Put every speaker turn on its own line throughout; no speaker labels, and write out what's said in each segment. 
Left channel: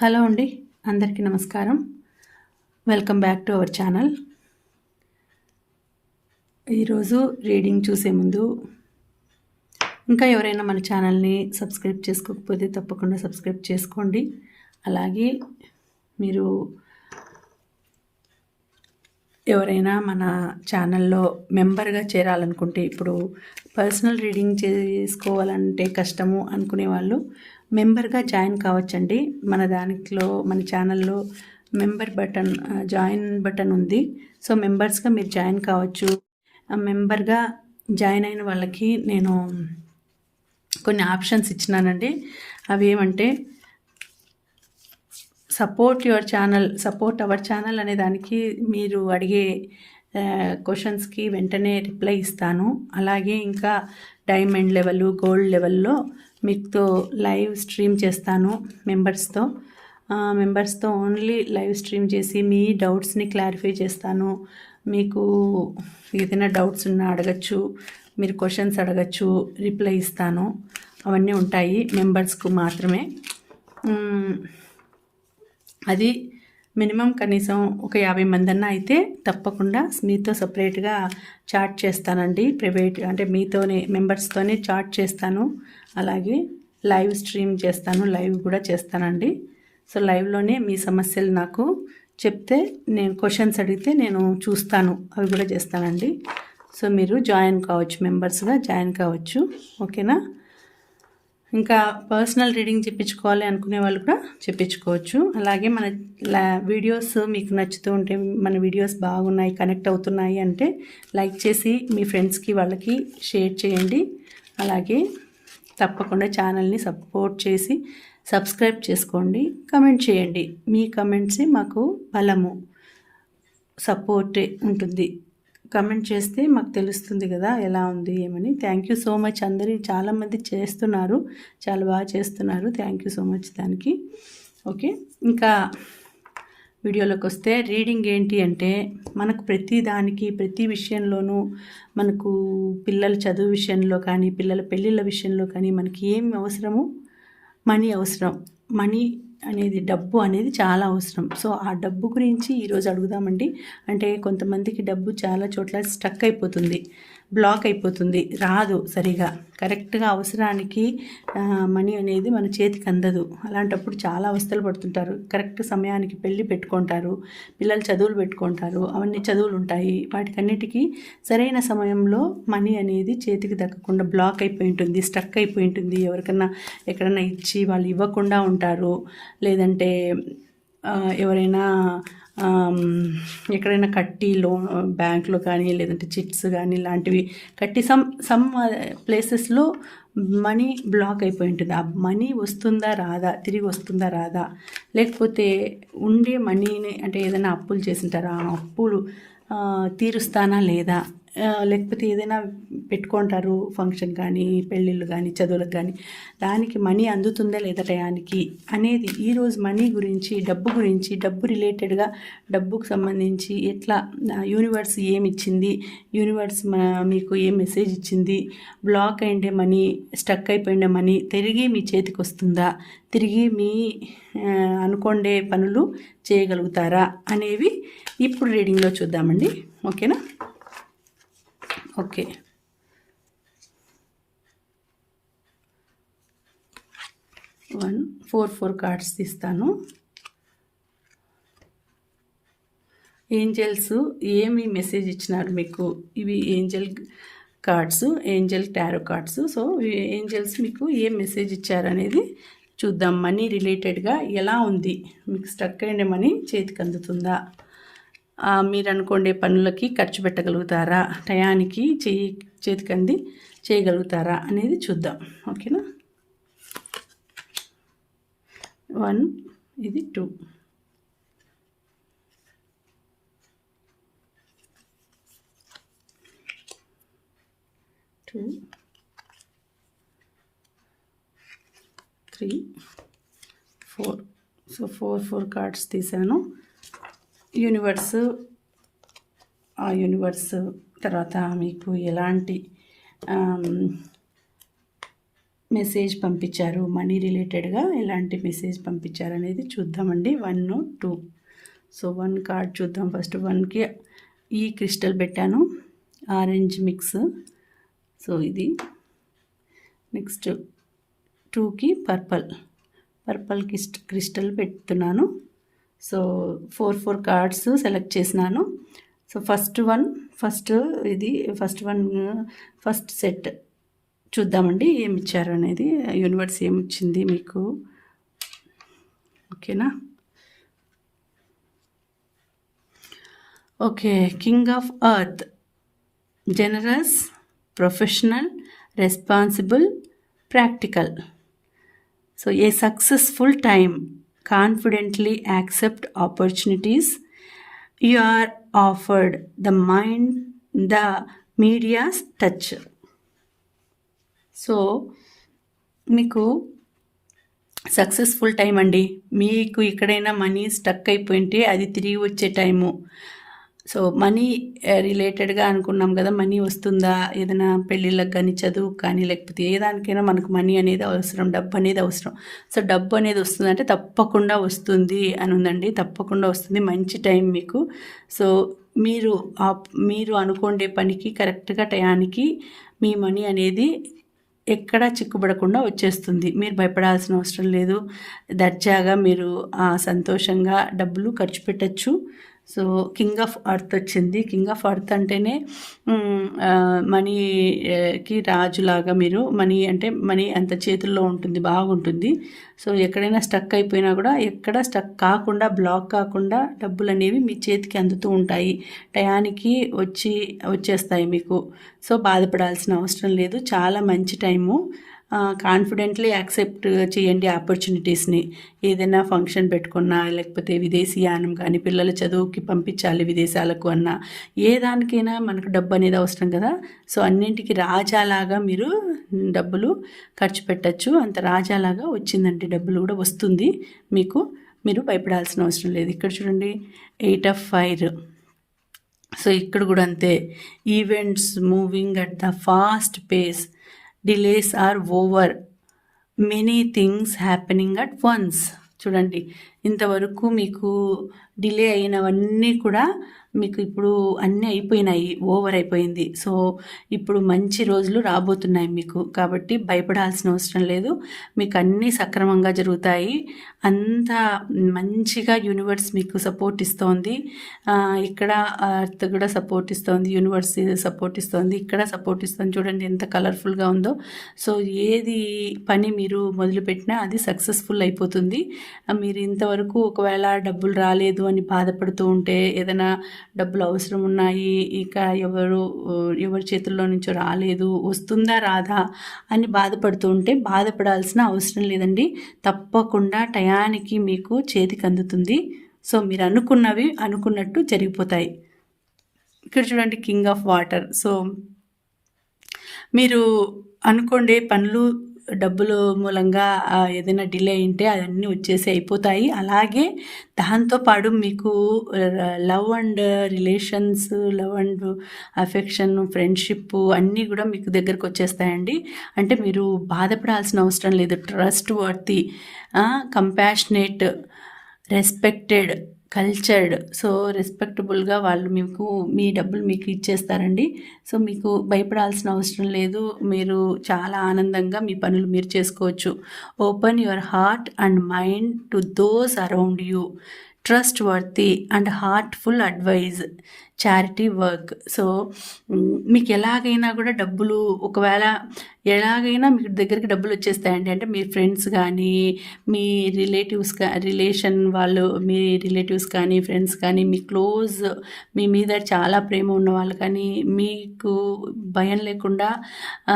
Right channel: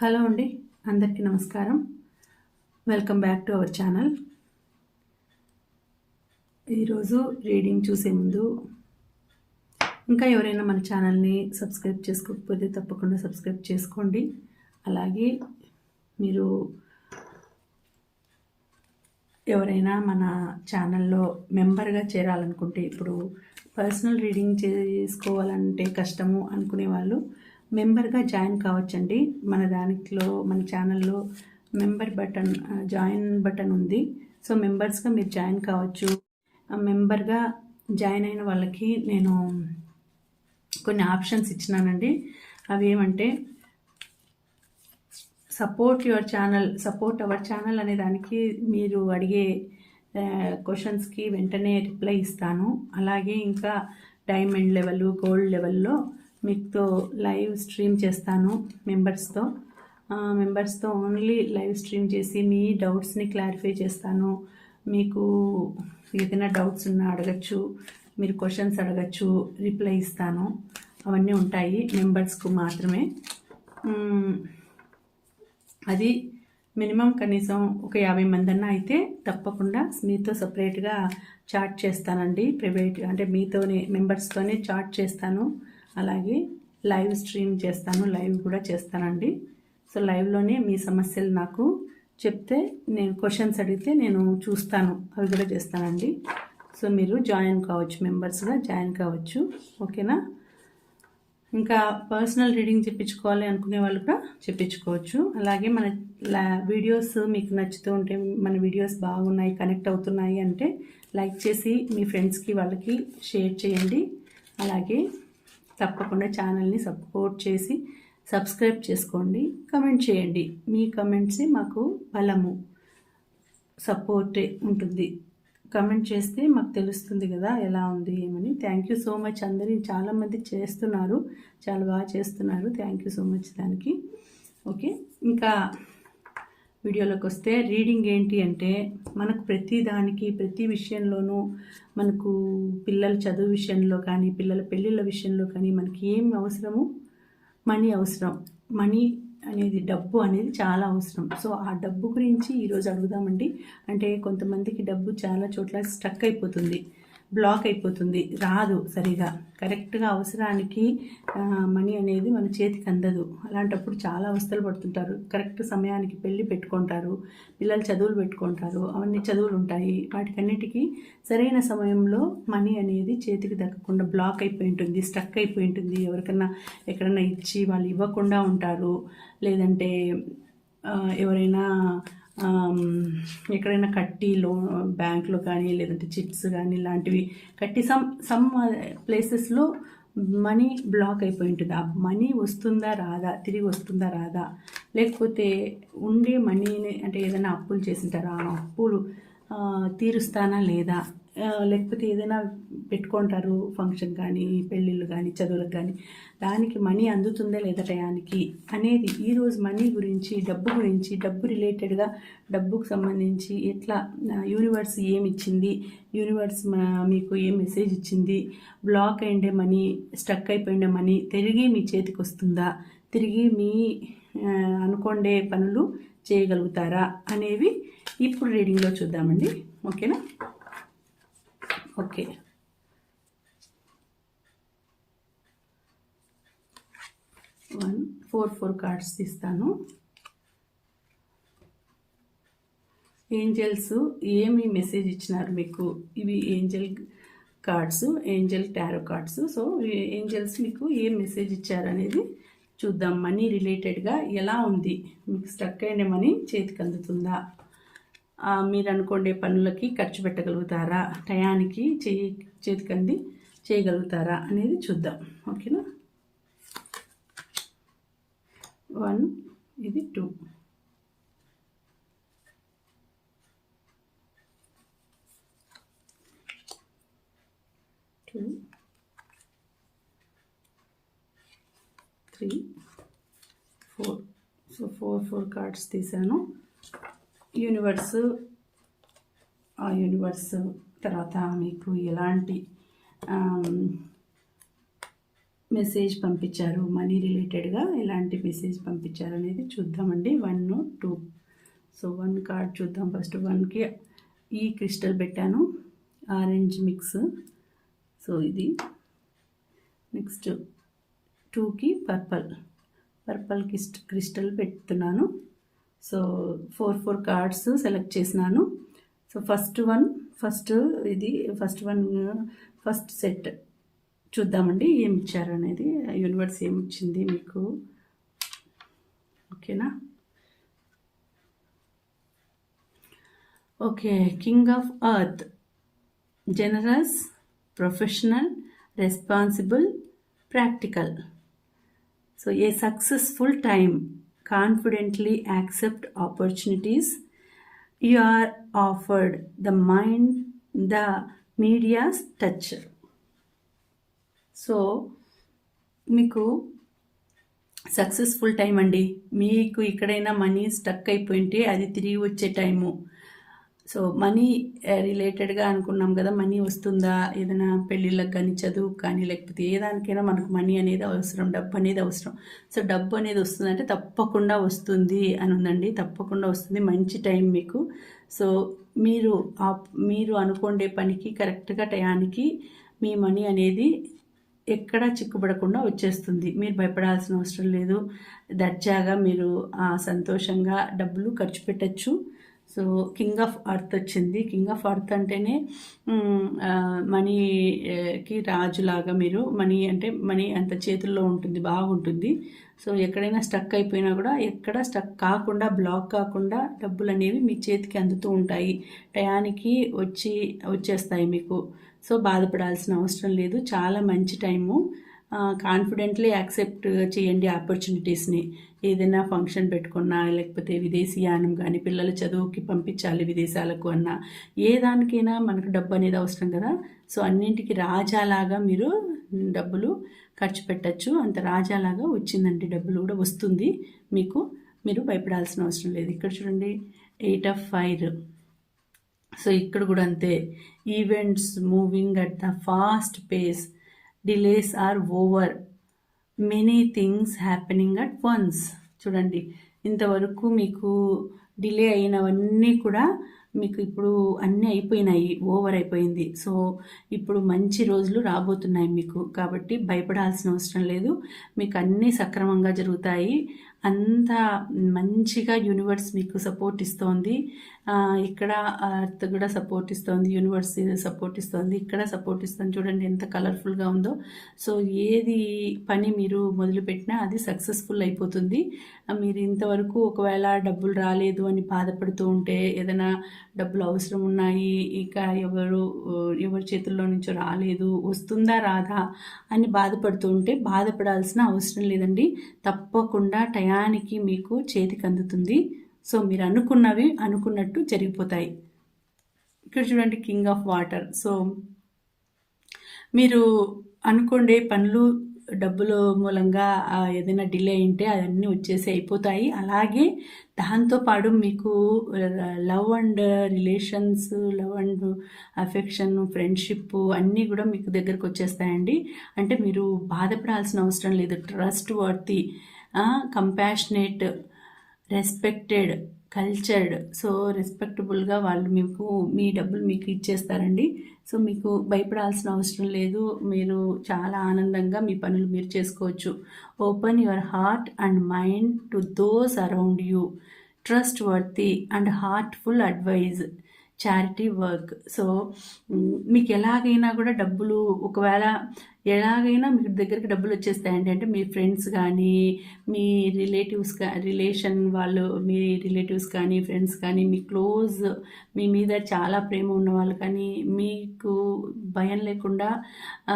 Hello అండి అందరికీ నమస్కారం. Welcome back to our channel. ఈరోజు రీడింగ్ చూసే ముందు ఇంకా ఎవరైనా మన ఛానల్ని సబ్స్క్రైబ్ చేసుకోకపోతే తప్పకుండా సబ్స్క్రైబ్ చేసుకోండి. అలాగే మీరు ఎవరైనా మన ఛానల్లో మెంబర్గా చేరాలనుకుంటే ఇప్పుడు పర్సనల్ రీడింగ్ చేసుకోవాలంటే కష్టము అనుకునే వాళ్ళు మెంబర్గా జాయిన్ కావచ్చండి. మన దానిలో మన ఛానల్లో మెంబర్ బటన్ జాయిన్ బటన్ ఉంది. సో మెంబర్స్గా మీరు జాయిన్ కావచ్చు. మెంబర్గా జాయిన్ అయిన వాళ్ళకి నేను కొన్ని ఆప్షన్స్ ఇచ్చినానండి. అవి ఏమంటే support your channel support our channel అనే దానికి మీరు అడిగే క్వశ్చన్స్కి వెంటనే రిప్లై ఇస్తాను. అలాగే ఇంకా డైమండ్ లెవెల్ గోల్డ్ లెవెల్లో మీతో లైవ్ స్ట్రీమ్ చేస్తాను మెంబర్స్తో. మెంబర్స్తో ఓన్లీ లైవ్ స్ట్రీమ్ చేసి మీ డౌట్స్ని క్లారిఫై చేస్తాను. మీకు ఏదైనా డౌట్స్ ఉన్నా అడగచ్చు మీరు క్వశ్చన్స్ అడగచ్చు రిప్లై ఇస్తాను. అవన్నీ ఉంటాయి మెంబర్స్కు మాత్రమే. అది మినిమం కనీసం ఒక యాభై మంది అన్న అయితే తప్పకుండా మీతో సపరేట్గా చాట్ చేస్తానండి. ప్రైవేట్ అంటే మీతోనే మెంబర్స్తోనే చాట్ చేస్తాను. అలాగే లైవ్ స్ట్రీమ్ చేస్తాను లైవ్ కూడా చేస్తానండి. సో లైవ్లోనే మీ సమస్యలు నాకు చెప్తే నేను క్వశ్చన్స్ అడిగితే నేను చూస్తాను అవి కూడా చేస్తానండి. సో మీరు జాయిన్ కావచ్చు మెంబర్స్గా జాయిన్ కావచ్చు ఓకేనా? ఇంకా పర్సనల్ రీడింగ్ చెప్పించుకోవాలి అనుకునే వాళ్ళు కూడా చెప్పించుకోవచ్చు. అలాగే మన వీడియోస్ మీకు నచ్చుతూ ఉంటే మన వీడియోస్ బాగున్నాయి కనెక్ట్ అవుతున్నాయి అంటే లైక్ చేసి మీ ఫ్రెండ్స్కి వాళ్ళకి షేర్ చేయండి. అలాగే తప్పకుండా ఛానల్ని సపోర్ట్ చేసి సబ్స్క్రైబ్ చేసుకోండి కమెంట్ చేయండి. మీ కమెంట్సే మాకు బలము సపోర్ట్ ఉంటుంది. కమెంట్ చేస్తే మాకు తెలుస్తుంది కదా ఎలా ఉంది ఏమని. థ్యాంక్ యూ సో మచ్ అందరి. చాలామంది చేస్తున్నారు చాలా బాగా చేస్తున్నారు. థ్యాంక్ యూ సో మచ్ దానికి. ఓకే ఇంకా వీడియోలోకి వస్తే రీడింగ్ ఏంటి అంటే మనకు ప్రతి దానికి ప్రతి విషయంలోనూ మనకు పిల్లల చదువు విషయంలో కానీ పిల్లల పెళ్ళిళ్ళ విషయంలో కానీ మనకి ఏం అవసరము మనీ అవసరం. మనీ అనేది డబ్బు అనేది చాలా అవసరం. సో ఆ డబ్బు గురించి ఈరోజు అడుగుదామండి. అంటే కొంతమందికి డబ్బు చాలా చోట్ల స్టక్ అయిపోతుంది. బ్లాక్ అయిపోతుంది. రాదు సరిగా. కరెక్ట్గా అవసరానికి మనీ అనేది మన చేతికి అందదు. అలాంటప్పుడు చాలా అవస్థలు పడుతుంటారు. కరెక్ట్ సమయానికి పెళ్ళి పెట్టుకుంటారు. పిల్లలు చదువులు పెట్టుకుంటారు. అవన్నీ చదువులు ఉంటాయి వాటికన్నిటికీ సరైన సమయంలో మనీ అనేది చేతికి దక్కకుండా బ్లాక్ అయిపోయి ఉంటుంది స్టక్ అయిపోయి ఉంటుంది. ఎవరికన్నా ఎక్కడన్నా ఇచ్చి వాళ్ళు ఇవ్వకుండా ఉంటారు. లేదంటే ఎవరైనా ఎక్కడైనా కట్టి లోన్ బ్యాంక్లో కానీ లేదంటే చిట్స్ కానీ ఇలాంటివి కట్టి సమ్ సమ్ ప్లేసెస్లో మనీ బ్లాక్ అయిపోయి ఉంటుంది. ఆ మనీ వస్తుందా రాదా? తిరిగి వస్తుందా రాదా? లేకపోతే ఉండే మనీని అంటే ఏదైనా అప్పులు చేసింటారా ఆ అప్పులు తీరుస్తానా లేదా? లేకపోతే ఏదైనా పెట్టుకుంటారు ఫంక్షన్ కానీ పెళ్ళిళ్ళు కానీ చదువులకు కానీ దానికి మనీ అందుతుందా లేదా టయానికి అనేది ఈరోజు మనీ గురించి డబ్బు గురించి డబ్బు రిలేటెడ్గా డబ్బుకు సంబంధించి ఎట్లా యూనివర్స్ ఏమి ఇచ్చింది యూనివర్స్ మీకు ఏ మెసేజ్ ఇచ్చింది బ్లాక్ అయిండే మనీ స్టక్ అయిపోయిండే మనీ తిరిగి మీ చేతికి వస్తుందా తిరిగి మీ అనుకోండే పనులు చేయగలుగుతారా అనేవి ఇప్పుడు రీడింగ్లో చూద్దామండి. ఓకేనా? Okay. One four four cards తీస్తాను. ఏంజల్స్ ఏమి మెసేజ్ ఇచ్చినారు మీకు? ఇవి angel cards angel tarot cards. So angels మీకు ఏం మెసేజ్ ఇచ్చారనేది చూద్దాం. మనీ రిలేటెడ్గా ఎలా ఉంది? మీకు స్ట్రక్ అయిన మనీ చేతికి అందుతుందా? మీరు అనుకోండి పనులకి ఖర్చు పెట్టగలుగుతారా? టయానికి చేయి చేతికంది చేయగలుగుతారా అనేది చూద్దాం. ఓకేనా? వన్ ఇది two. Two. Three. Four. So four four cards తీసాను యూనివర్స్ ఆ యూనివర్స్ తర్వాత మీకు ఎలాంటి మెసేజ్ పంపించారు మనీ రిలేటెడ్గా ఎలాంటి మెసేజ్ పంపించారు అనేది చూద్దామండి. One two. So one card చూద్దాం. ఫస్ట్ వన్కి ఈ క్రిస్టల్ పెట్టాను. Orange mix. సో ఇది నెక్స్ట్ టూకి పర్పల్. పర్పల్ క్రిస్ట్ క్రిస్టల్ పెడుతున్నాను. So four four cards select చేసినాను. సో ఫస్ట్ వన్ ఫస్ట్ ఇది ఫస్ట్ వన్ ఫస్ట్ సెట్ చూద్దామండి ఏమి ఇచ్చారు అనేది. యూనివర్స్ ఏమి ఇచ్చింది మీకు ఓకేనా okay king of earth generous professional responsible practical so a successful time confidently accept opportunities you are afford the mind the medias touch so మీకు సక్సెస్ఫుల్ టైం అండి. మీకు ఎక్కడైనా మనీ స్టక్ అయిపోయింటే అది తిరిగి వచ్చే టైము సో మనీ రిలేటెడ్గా అనుకున్నాం కదా మనీ వస్తుందా? ఏదైనా పెళ్ళిళ్ళకి కానీ చదువు కానీ లేకపోతే ఏ దానికైనా మనకు మనీ అనేది అవసరం డబ్బు అనేది అవసరం. సో డబ్బు అనేది వస్తుందంటే తప్పకుండా వస్తుంది అని ఉందండి. తప్పకుండా వస్తుంది. మంచి టైం మీకు. సో మీరు మీరు అనుకోండే పనికి కరెక్ట్గా టయానికి మీ మనీ అనేది ఎక్కడా చిక్కుబడకుండా వచ్చేస్తుంది. మీరు భయపడాల్సిన అవసరం లేదు. దర్జాగా మీరు సంతోషంగా డబ్బులు ఖర్చు పెట్టచ్చు. సో కింగ్ ఆఫ్ అర్త్ వచ్చింది. కింగ్ ఆఫ్ అర్త్ అంటేనే మనీకి రాజులాగా మీరు మనీ అంటే మనీ అంత చేతుల్లో ఉంటుంది బాగుంటుంది. సో ఎక్కడైనా స్టక్ అయిపోయినా కూడా ఎక్కడ స్టక్ కాకుండా బ్లాక్ కాకుండా డబ్బులు అనేవి మీ చేతికి అందుతూ ఉంటాయి. టయానికి వచ్చి వచ్చేస్తాయి మీకు. సో బాధపడాల్సిన అవసరం లేదు. చాలా మంచి టైము. కాన్ఫిడెంట్లీ యాక్సెప్ట్ చేయండి ఆపర్చునిటీస్ని ఏదైనా ఫంక్షన్ పెట్టుకున్నా లేకపోతే విదేశీయానం కానీ పిల్లల చదువుకి పంపించాలి విదేశాలకు అన్నా ఏ దానికైనా మనకు డబ్బు అనేది అవసరం కదా. సో అన్నింటికి రాజాలాగా మీరు డబ్బులు ఖర్చు పెట్టచ్చు. అంత రాజాలాగా వచ్చిందంటే డబ్బులు కూడా వస్తుంది. మీకు మీరు భయపడాల్సిన అవసరం లేదు. ఇక్కడ చూడండి ఎయిట్ ఆఫ్ ఫైర్ సో ఇక్కడ కూడా అంతే. Events moving at the fast pace delays are over many things happening at once చూడండి ఇంతవరకు మీకు డిలే అయినవన్నీ కూడా మీకు ఇప్పుడు అన్నీ అయిపోయినాయి ఓవర్ అయిపోయింది. సో ఇప్పుడు మంచి రోజులు రాబోతున్నాయి మీకు. కాబట్టి భయపడాల్సిన అవసరం లేదు. మీకు అన్నీ సక్రమంగా జరుగుతాయి. అంత మంచిగా యూనివర్స్ మీకు సపోర్ట్ ఇస్తోంది. ఇక్కడ అర్త్ కూడా సపోర్ట్ ఇస్తోంది. యూనివర్స్ సపోర్ట్ ఇస్తోంది. ఇక్కడ సపోర్ట్ ఇస్తుంది. చూడండి ఎంత కలర్ఫుల్గా ఉందో. సో ఏది పని మీరు మొదలుపెట్టినా అది సక్సెస్ఫుల్ అయిపోతుంది. మీరు ఇంతవరకు ఒకవేళ డబ్బులు రాలేదు అని బాధపడుతూ ఉంటే ఏదైనా డబ్బులు అవసరం ఉన్నాయి ఇక ఎవరు ఎవరి చేతుల్లో నుంచో రాలేదు వస్తుందా రాదా అని బాధపడుతూ ఉంటే బాధపడాల్సిన అవసరం లేదండి. తప్పకుండా టయానికి మీకు చేతికి అందుతుంది. సో మీరు అనుకున్నవి అనుకున్నట్టు జరిగిపోతాయి. ఇక్కడ చూడండి కింగ్ ఆఫ్ వాటర్ సో మీరు అనుకోండే పనులు డబ్బులు మూలంగా ఏదైనా డిలే అయింటే అవన్నీ వచ్చేసి అయిపోతాయి. అలాగే దాంతోపాటు మీకు love and relations love and affection friendship అన్నీ కూడా మీకు దగ్గరకు వచ్చేస్తాయండి. అంటే మీరు బాధపడాల్సిన అవసరం లేదు. Trustworthy compassionate respected cultured so రెస్పెక్టబుల్గా వాళ్ళు మీకు మీ డబ్బులు మీకు ఇచ్చేస్తారండి. సో మీకు భయపడాల్సిన అవసరం లేదు. మీరు చాలా ఆనందంగా మీ పనులు మీరు చేసుకోవచ్చు. Open your heart and mind to those around you trustworthy and heartful advice charity work so మీకు ఎలాగైనా కూడా డబ్బులు ఒకవేళ ఎలాగైనా మీకు దగ్గరికి డబ్బులు వచ్చేస్తాయండి. అంటే మీ ఫ్రెండ్స్ కానీ మీ రిలేటివ్స్ కా రిలేషన్ వాళ్ళు మీ రిలేటివ్స్ కానీ ఫ్రెండ్స్ కానీ మీ క్లోజ్ మీ మీద చాలా ప్రేమ ఉన్న వాళ్ళు కానీ మీకు భయం లేకుండా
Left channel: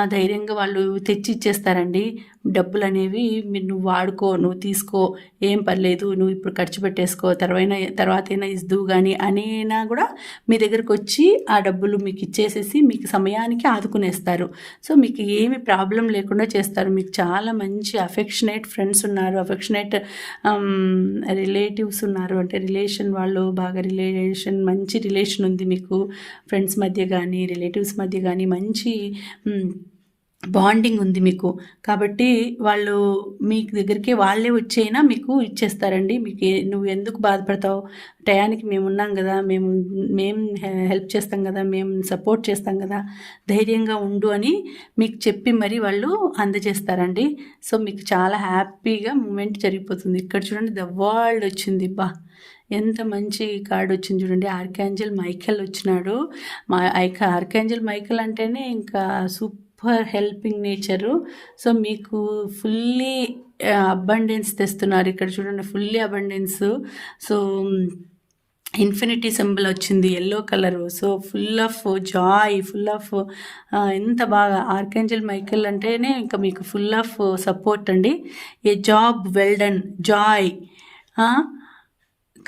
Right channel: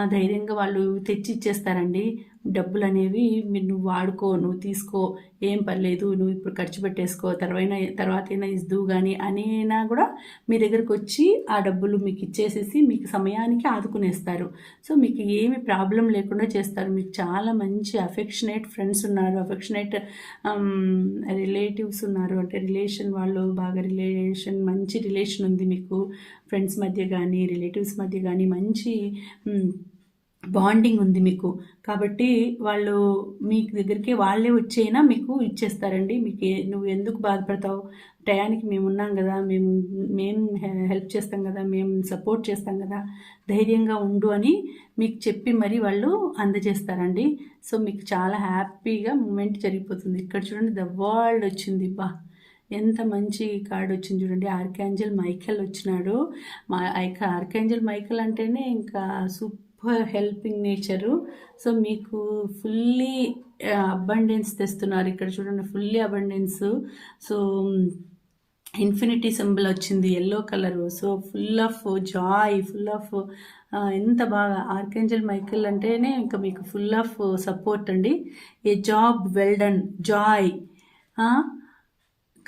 ధైర్యంగా వాళ్ళు తెచ్చి ఇచ్చేస్తారండి డబ్బులు అనేవి మీరు నువ్వు వాడుకో నువ్వు తీసుకో ఏం పర్లేదు నువ్వు ఇప్పుడు ఖర్చు పెట్టేసుకో తర్వాత తర్వాత అయినా ఇద్దు కానీ అనేనా కూడా మీ దగ్గరకు వచ్చి ఆ డబ్బులు మీకు ఇచ్చేసేసి మీకు సమయానికి ఆదుకునేస్తారు. సో మీకు ఏమి ప్రాబ్లం లేకుండా చేస్తారు. మీకు చాలా మంచి అఫెక్షనేట్ ఫ్రెండ్స్ ఉన్నారు. అఫెక్షనేట్ రిలేటివ్స్ um, ఉన్నారు. అంటే రిలేషన్ వాళ్ళు బాగా రిలేషన్ మంచి రిలేషన్ ఉంది మీకు. ఫ్రెండ్స్ మధ్య కానీ రిలేటివ్స్ మధ్య కానీ మంచి బాండింగ్ ఉంది మీకు. కాబట్టి వాళ్ళు మీ దగ్గరికి వాళ్ళే వచ్చైనా మీకు ఇచ్చేస్తారండి. మీకు నువ్వు ఎందుకు బాధపడతావు? టయానికి మేము ఉన్నాం కదా మేము మేము హెల్ప్ చేస్తాం కదా మేము సపోర్ట్ చేస్తాం కదా ధైర్యంగా ఉండు అని మీకు చెప్పి మరి వాళ్ళు అందజేస్తారండి. సో మీకు చాలా హ్యాపీగా మూమెంట్ జరిగిపోతుంది. ఇక్కడ చూడండి ద వరల్డ్ వచ్చింది. బా ఎంత మంచి కార్డు వచ్చింది చూడండి. ఆర్కాంజల్ మైకెల్ వచ్చినాడు. మా ఐక ఆర్కాంజల్ మైకెల్ అంటేనే ఇంకా సూపర్ హెల్పింగ్ నేచరు. సో మీకు ఫుల్లీ అబండెన్స్ తెస్తున్నారు. ఇక్కడ చూడండి fully abundance. So infinity symbol వచ్చింది yellow colour. So full of joy full of ఎంత బాగా. ఆర్కేంజల్ మైకెల్ అంటేనే ఇంకా మీకు ఫుల్ ఆఫ్ సపోర్ట్ అండి. A job well done joy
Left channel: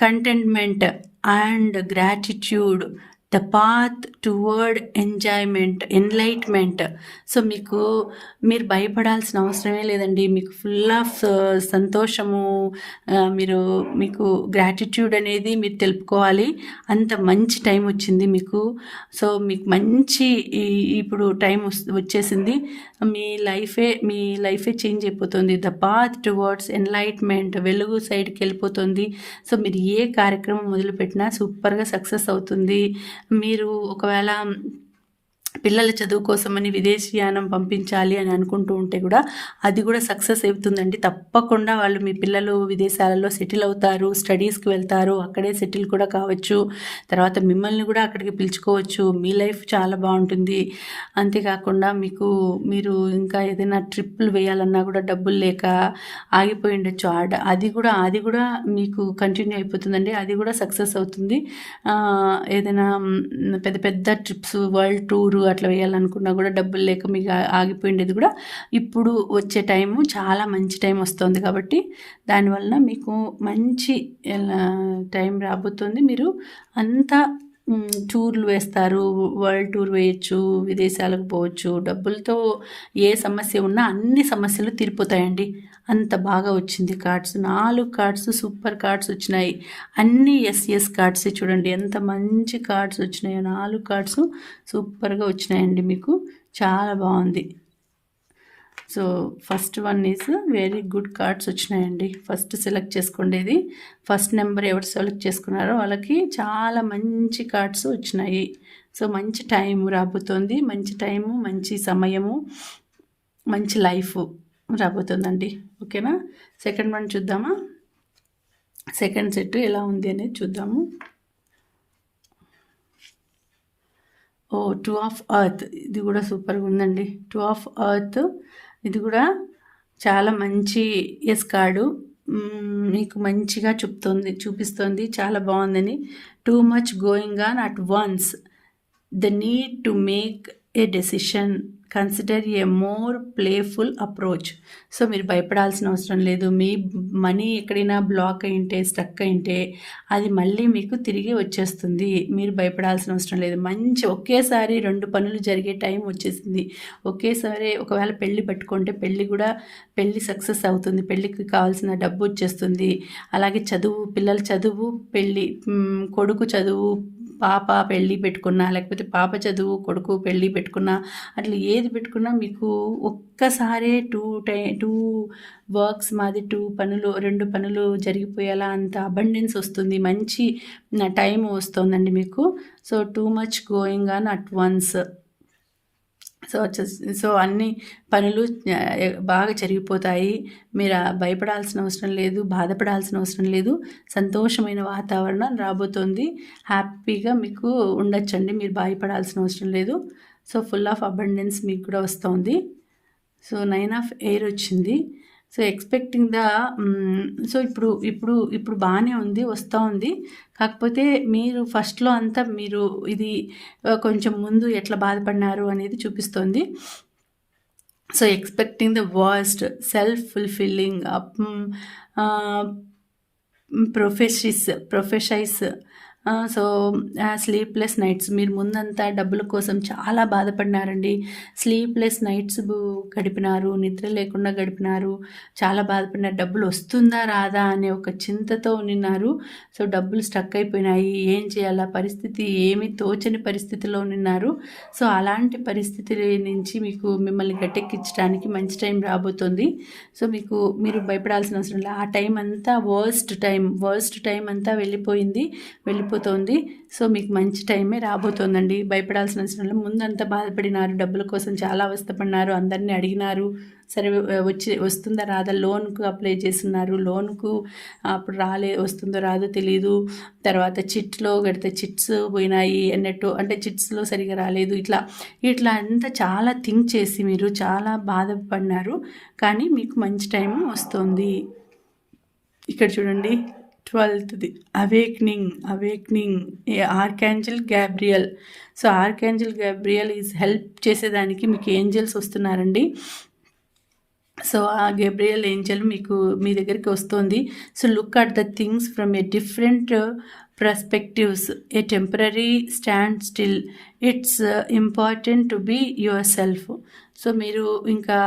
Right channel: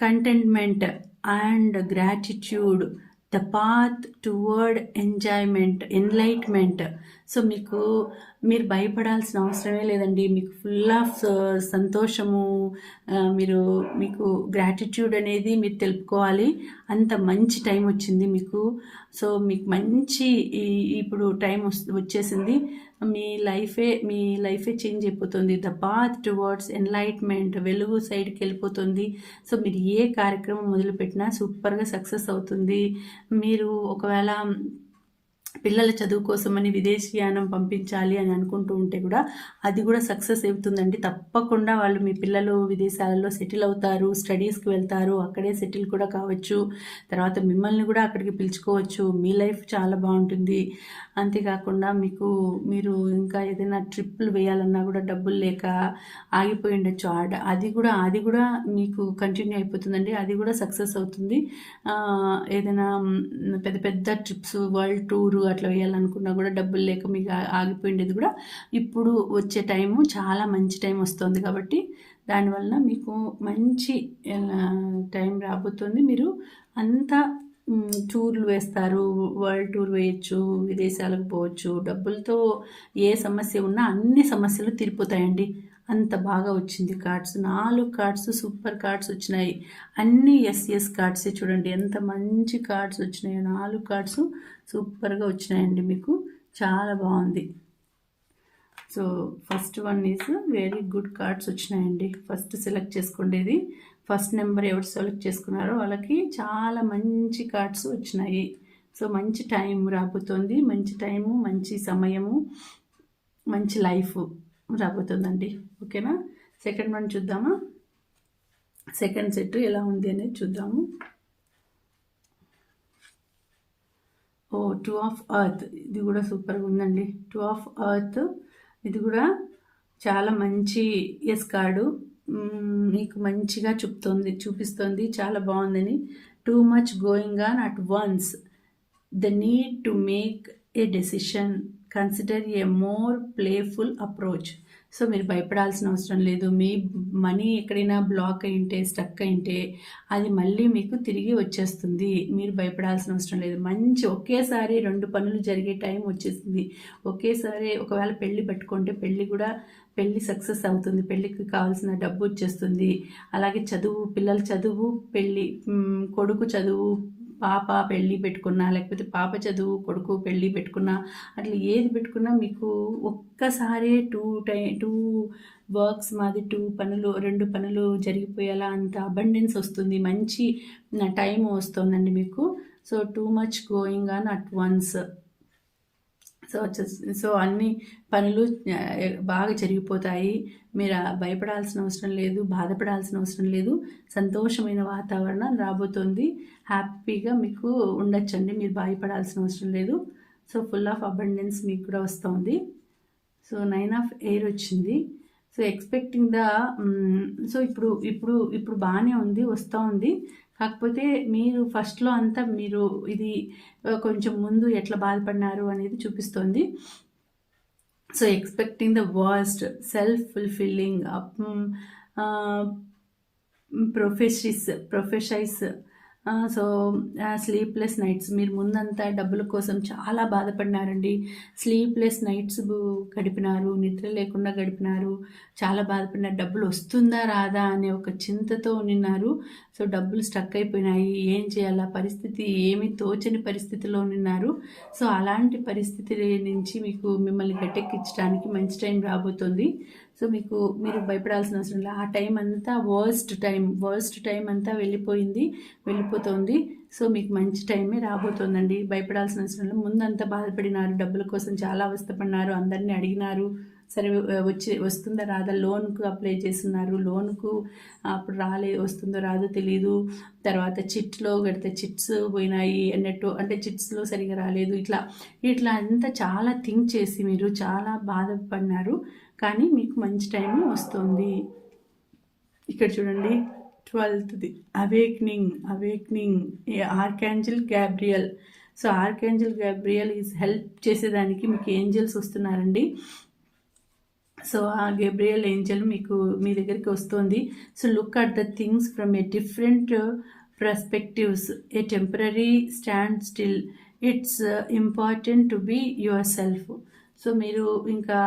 contentment and gratitude. The path toward enjoyment enlightenment so మీకు మీరు భయపడాల్సిన అవసరమే లేదండి. మీకు ఫుల్ ఆఫ్ uh, సంతోషము uh, మీరు మీకు గ్రాటిట్యూడ్ అనేది మీరు తెలుపుకోవాలి. అంత మంచి టైం వచ్చింది మీకు. సో మీకు మంచి ఇప్పుడు టైం వచ్చేసింది. మీ లైఫే మీ లైఫే చేంజ్ అయిపోతుంది. ద పాత్ టువర్డ్స్ ఎన్లైట్మెంట్ వెలుగు సైడ్కి వెళ్ళిపోతుంది. సో మీరు ఏ కార్యక్రమం మొదలుపెట్టినా సూపర్గా సక్సెస్ అవుతుంది. మీరు ఒకవేళ పిల్లల చదువు కోసమని విదేశీయానం పంపించాలి అని అనుకుంటూ ఉంటే కూడా అది కూడా సక్సెస్ అవుతుందండి. తప్పకుండా వాళ్ళు మీ పిల్లలు విదేశాలలో సెటిల్ అవుతారు స్టడీస్కి వెళ్తారు అక్కడే సెటిల్ కూడా కావచ్చు. తర్వాత మిమ్మల్ని కూడా అక్కడికి పిలుచుకోవచ్చు. మీ లైఫ్ చాలా బాగుంటుంది. అంతేకాకుండా మీకు మీరు ఇంకా ఏదైనా ట్రిప్పులు వేయాలన్నా కూడా డబ్బులు లేక ఆగిపోయి ఉండొచ్చు. ఆడ అది కూడా అది కూడా మీకు కంటిన్యూ అయిపోతుందండి. అది కూడా సక్సెస్ అవుతుంది. ఏదైనా పెద్ద పెద్ద ట్రిప్స్ వరల్డ్ టూరు అట్లా వేయాలనుకున్నా కూడా డబ్బులు లేక మీకు ఆగిపోయిండేది కూడా ఇప్పుడు వచ్చే టైము చాలా మంచి టైం వస్తుంది కాబట్టి దానివల్ల మీకు మంచి టైం రాబోతుంది. మీరు అంతా టూర్లు వేస్తారు వరల్డ్ టూర్ వేయచ్చు విదేశాలకు పోవచ్చు. డబ్బులతో ఏ సమస్య ఉన్నా అన్ని సమస్యలు తీరిపోతాయండి. అంత బాగా వచ్చింది కార్డ్స్. నాలుగు కార్డ్స్ సూపర్ కార్డ్స్ వచ్చినాయి. అన్ని ఎస్ఎస్ కార్డ్స్ చూడండి. ఎంత మంచి కార్డ్స్ వచ్చినాయో. నాలుగు కార్డ్స్ సూపర్గా వచ్చినాయండి మీకు. చాలా బాగుంది. So first one is very good cards వచ్చినాయండి. ఫస్ట్ సెలెక్ట్ చేసుకుండేది. ఫస్ట్ నెంబర్ ఎవరు సెలెక్ట్ చేసుకున్నారో వాళ్ళకి చాలా మంచి కార్డ్స్ వచ్చినాయి. సో మంచి టైం రాబోతోంది. మంచి టైము మంచి సమయము మంచి లైఫ్. రాబోతుందండి. ఓకేనా? సెకండ్ వన్ చూద్దామా? సెకండ్ సెట్ ఎలా ఉంది అనేది చూద్దాము. ఓ టూ ఆఫ్ అర్త్ ఇది కూడా సూపర్గా ఉందండి. టూ ఆఫ్ అర్త్ ఇది కూడా చాలా మంచి ఎస్ కార్డు మీకు మంచిగా చూపుతుంది చూపిస్తుంది. చాలా బాగుందని. Too much going on at once the need to make a decision consider a more playful approach so మీరు భయపడాల్సిన అవసరం లేదు. మీ మనీ ఎక్కడైనా బ్లాక్ అయింటే స్టక్ అయింటే అది మళ్ళీ మీకు తిరిగి వచ్చేస్తుంది. మీరు భయపడాల్సిన అవసరం లేదు. మంచి ఒకేసారి రెండు పనులు జరిగే టైం వచ్చేసింది. ఒకేసారి ఒకవేళ పెళ్ళి పెట్టుకుంటే పెళ్ళి కూడా పెళ్ళి సక్సెస్ అవుతుంది. పెళ్ళికి కావాల్సిన డబ్బు వచ్చేస్తుంది. అలాగే చదువు పిల్లల చదువు పెళ్ళి కొడుకు చదువు పాప పెళ్ళి పెట్టుకున్నా లేకపోతే పాప చదువు కొడుకు పెళ్ళి పెట్టుకున్నా అట్లా ఏది పెట్టుకున్నా మీకు ఒక్కసారే టూ టై టూ వర్క్స్ మాది టూ పనులు రెండు పనులు జరిగిపోయేలా అంత అబండెన్స్ వస్తుంది. మంచి టైం వస్తుందండి మీకు. So too much going on at once. So so అన్ని పనులు బాగా జరిగిపోతాయి. మీరు భయపడాల్సిన అవసరం లేదు బాధపడాల్సిన అవసరం లేదు. సంతోషమైన వాతావరణం రాబోతోంది. హ్యాపీగా మీకు ఉండొచ్చండి. మీరు భయపడాల్సిన అవసరం లేదు. సో ఫుల్ ఆఫ్ అబండెన్స్ మీకు కూడా వస్తుంది. సో నైన్ ఆఫ్ ఎయిర్ వచ్చింది. సో ఎక్స్పెక్టింగ్ ద సో ఇప్పుడు ఇప్పుడు ఇప్పుడు బాగానే ఉంది వస్తూ ఉంది. కాకపోతే మీరు ఫస్ట్లో అంతా మీరు ఇది కొంచెం ముందు ఎట్లా బాధపడినారు అనేది చూపిస్తోంది. So expecting the worst self fulfilling prophecies prophecies so sleepless nights మీరు ముందంతా డబ్బుల కోసం చాలా బాధపడినారండి. స్లీప్లెస్ నైట్స్ గడిపినారు నిద్ర లేకుండా గడిపినారు. చాలా బాధపడినారు. డబ్బులు వస్తుందా రాదా అనే ఒక చింతతో ఉన్నారు. సో డబ్బులు స్టక్ అయిపోయినాయి. ఏం చేయాలా? పరిస్థితి ఏమి తోచని పరిస్థితిలో ఉన్నారు. సో అలాంటి పరిస్థితి నుంచి మీకు మిమ్మల్ని గట్టెక్కించడానికి మంచి టైం రాబోతుంది. సో మీకు మీరు భయపడాల్సిన అవసరం లేదు. ఆ టైం అంతా వర్స్ట్ టైం. వర్స్ట్ టైం అంతా వెళ్ళిపోయింది. రాబోతోంది సో మీకు మంచి టైమే రాబోతోందండి. భయపడాల్సిన అవసరం లేదు. ముందంతా బాధపడినారు. డబ్బుల కోసం చాలా అవస్థపడినారు. అందరినీ అడిగినారు. సరే వచ్చి వస్తుందా రాదా? లోన్కు అప్లై చేస్తున్నారు. లోన్కు అప్పుడు రాలే వస్తుందో రాదో తెలియదు తర్వాత చిట్లో కడితే చిట్స్ పోయినాయి అన్నట్టు. అంటే చిట్స్లో సరిగా రాలేదు. ఇట్లా ఇట్లా అంతా చాలా థింక్ చేసి మీరు చాలా బాధపడినారు. కానీ మీకు మంచి టైం వస్తుంది. ఇక్కడ చూడండి. ట్వెల్త్ది awakening awakening. A archangel Gabriel so archangel Gabriel is help చేసేదానికి మీకు ఏంజల్స్ వస్తున్నారండి. సో ఆ గేబ్రియల్ ఏంజల్ మీకు మీ దగ్గరికి వస్తుంది. So look at the things from a different perspectives. A temporary standstill. It's important to be yourself. So మీరు ఇంకా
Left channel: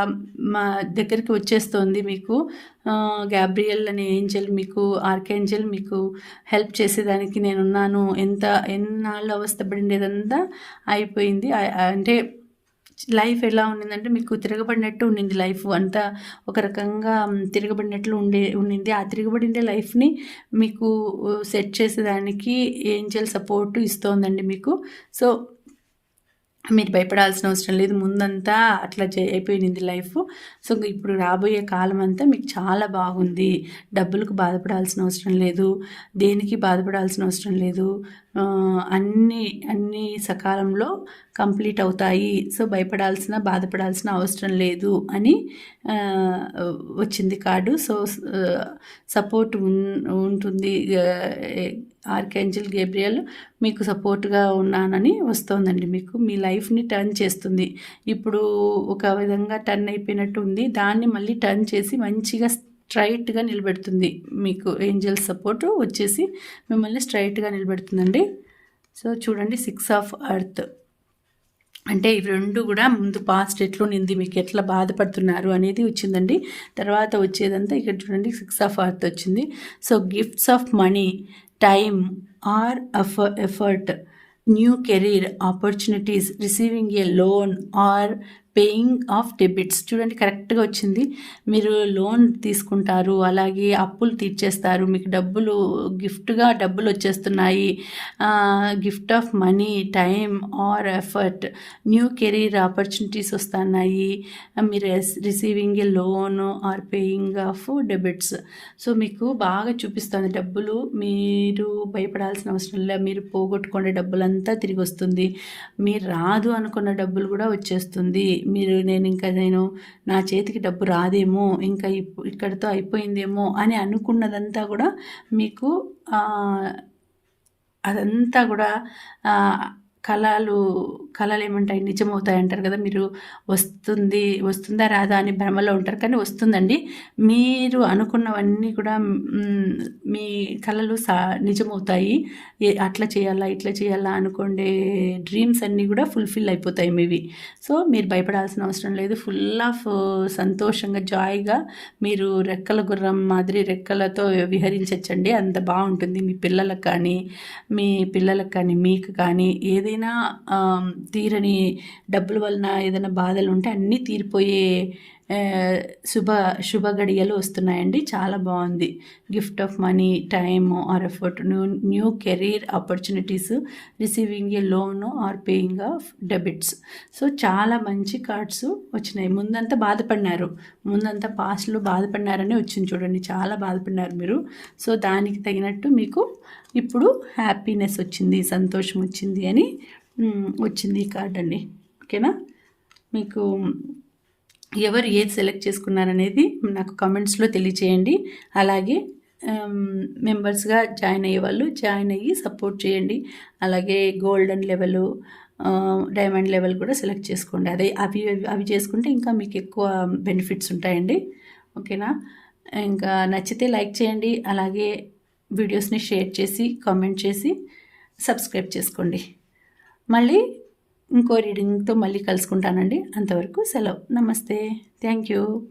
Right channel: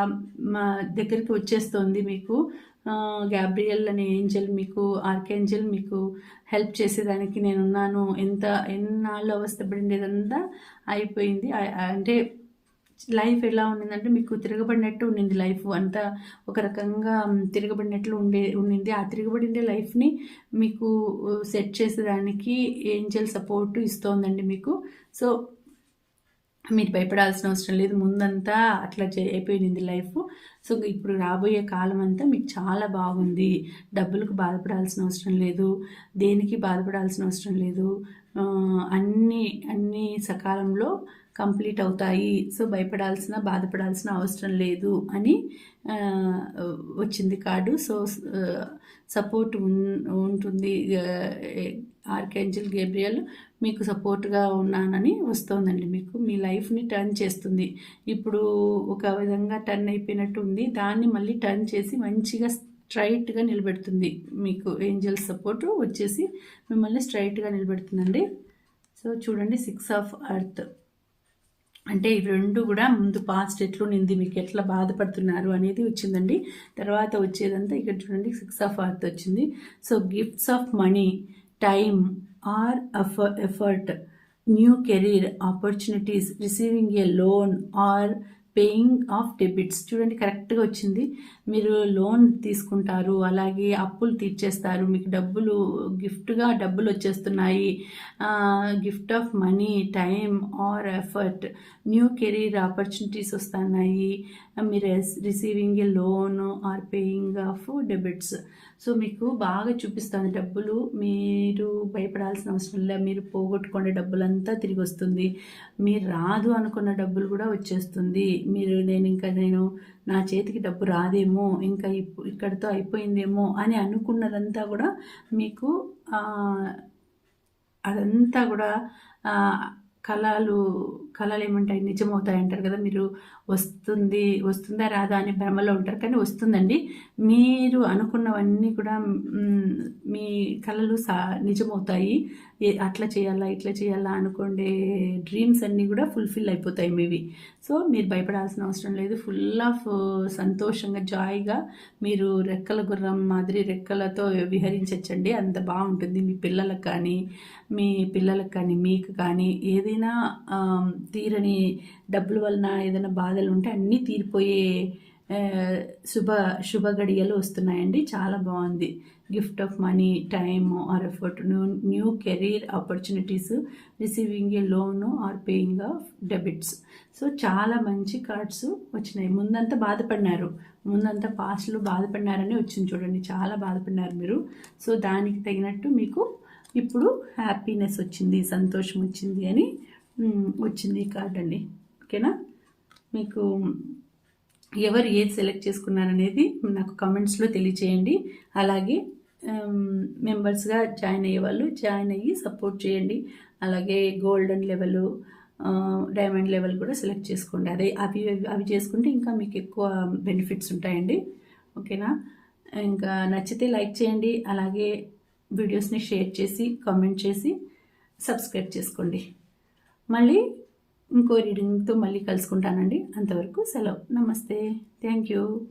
మా దగ్గరికి వచ్చేస్తుంది మీకు. గ్యాబ్రియల్ అనే ఏంజల్ మీకు ఆర్కేంజల్ మీకు హెల్ప్ చేసేదానికి నేనున్నాను. ఎంత ఎన్నాళ్ళు అవస్థపడిండేదంతా అయిపోయింది. అంటే లైఫ్ ఎలా ఉండిందంటే మీకు తిరగబడినట్టు ఉండింది లైఫ్. అంతా ఒక రకంగా తిరగబడినట్లు ఉండే ఉండింది. ఆ తిరగబడిండే లైఫ్ని మీకు సెట్ చేసేదానికి ఏంజల్ సపోర్ట్ ఇస్తోందండి మీకు. సో మీరు భయపడాల్సిన అవసరం లేదు. ముందంతా అట్లా అయిపోయింది లైఫ్. సో ఇప్పుడు రాబోయే కాలం అంతా మీకు చాలా బాగుంది. డబ్బులకు బాధపడాల్సిన అవసరం లేదు. దేనికి బాధపడాల్సిన అవసరం లేదు. అన్ని అన్ని సకాలంలో కంప్లీట్ అవుతాయి. సో భయపడాల్సిన బాధపడాల్సిన అవసరం లేదు అని వచ్చింది కార్డు. సో సపోర్ట్ ఉంటుంది ఆర్కేంజల్ గేబ్రియల్. మీకు సపోర్ట్గా ఉన్నానని వస్తుందండి మీకు. మీ లైఫ్ని టర్న్ చేస్తుంది. ఇప్పుడు ఒక విధంగా టర్న్ అయిపోయినట్టు ఉంది. దాన్ని మళ్ళీ టర్న్ చేసి మంచిగా స్ట్రైట్గా నిలబెడుతుంది. మీకు ఏంజల్ సపోర్ట్ వచ్చేసి మిమ్మల్ని స్ట్రైట్గా నిలబెడుతుందండి. సో చూడండి సిక్స్ ఆఫ్ అర్త్. అంటే ఇవి రెండు కూడా ముందు పాస్ట్ నింది మీకు ఎట్లా బాధపడుతున్నారు అనేది వచ్చిందండి. తర్వాత వచ్చేదంతా ఇక్కడ చూడండి సిక్స్ ఆఫ్ అర్త్ వచ్చింది. So gifts of money time or effort new career opportunities receiving a loan or paying off debits చూడండి కరెక్ట్గా వచ్చింది. మీరు లోన్ తీసుకుంటారు అలాగే అప్పులు తీర్చేస్తారు. మీకు డబ్బులు గిఫ్ట్గా డబ్బులు వచ్చేస్తున్నాయి. Gift of money time or effort new career opportunities వస్తున్నాయి. మీరు receiving a loan or paying off debits. So మీకు బాగా చూపిస్తుంది డబ్బులు. మీరు భయపడాల్సిన అవసరం లేదు. మీరు పోగొట్టుకునే డబ్బులంతా తిరిగి వస్తుంది. మీరు రాదు అనుకున్న డబ్బులు కూడా వచ్చేస్తుంది. మీరు నేను ఇంకా నేను నా చేతికి డబ్బు రాదేమో ఇంకా ఇక్కడితో అయిపోయిందేమో అని అనుకున్నదంతా కూడా మీకు అదంతా కూడా కళలు కళలు ఏమంటాయి నిజమవుతాయి అంటారు కదా మీరు వస్తుంది వస్తుందా రాదా అని భ్రమలో ఉంటారు. కానీ వస్తుందండి. మీరు అనుకున్నవన్నీ కూడా మీ కళలు సా నిజమవుతాయి. అట్లా చేయాలా ఇట్లా చేయాలా అనుకోండే డ్రీమ్స్ అన్నీ కూడా ఫుల్ఫిల్ అయిపోతాయి మీవి. సో మీరు భయపడాల్సిన అవసరం లేదు. ఫుల్ ఆఫ్ సంతోషంగా జాయిగా మీరు రెక్కల గుర్రం మాదిరి రెక్కలతో విహరించచ్చండి. అంత బాగుంటుంది. మీ పిల్లలకు కానీ మీ పిల్లలకు కానీ మీకు కానీ ఏదైనా తీరని డబ్బుల వలన ఏదైనా బాధలు ఉంటే అన్నీ తీరిపోయే శుభ శుభ గడియలు వస్తున్నాయండి. చాలా బాగుంది. Gift of money time or effort new new career opportunities receiving a loan or paying off debits. So చాలా మంచి కార్డ్స్ వచ్చినాయి. ముందంతా బాధపడినారు. ముందంతా పాస్ట్లో బాధపడినారని వచ్చింది చూడండి. చాలా బాధపడినారు మీరు. సో దానికి తగినట్టు మీకు ఇప్పుడు హ్యాపీనెస్ వచ్చింది సంతోషం వచ్చింది అని వచ్చింది ఈ కార్డ్ అండి. ఓకేనా? మీకు ఎవరు ఏది సెలెక్ట్ చేసుకున్నారనేది నాకు కామెంట్స్లో తెలియచేయండి. అలాగే మెంబర్స్గా జాయిన్ అయ్యే వాళ్ళు జాయిన్ అయ్యి సపోర్ట్ చేయండి. అలాగే గోల్డెన్ లెవెల్ డైమండ్ లెవెల్ కూడా సెలెక్ట్ చేసుకోండి. అదే అవి అవి చేసుకుంటే ఇంకా మీకు ఎక్కువ బెనిఫిట్స్ ఉంటాయండి. ఓకేనా? ఇంకా నచ్చితే లైక్ చేయండి. అలాగే వీడియోస్ని షేర్ చేసి కామెంట్ చేసి సబ్స్క్రైబ్ చేసుకోండి. మళ్ళీ ఇంకో రీడింగ్తో మళ్ళీ కలుసుకుంటానండి. అంతవరకు సెలవు. నమస్తే. Thank you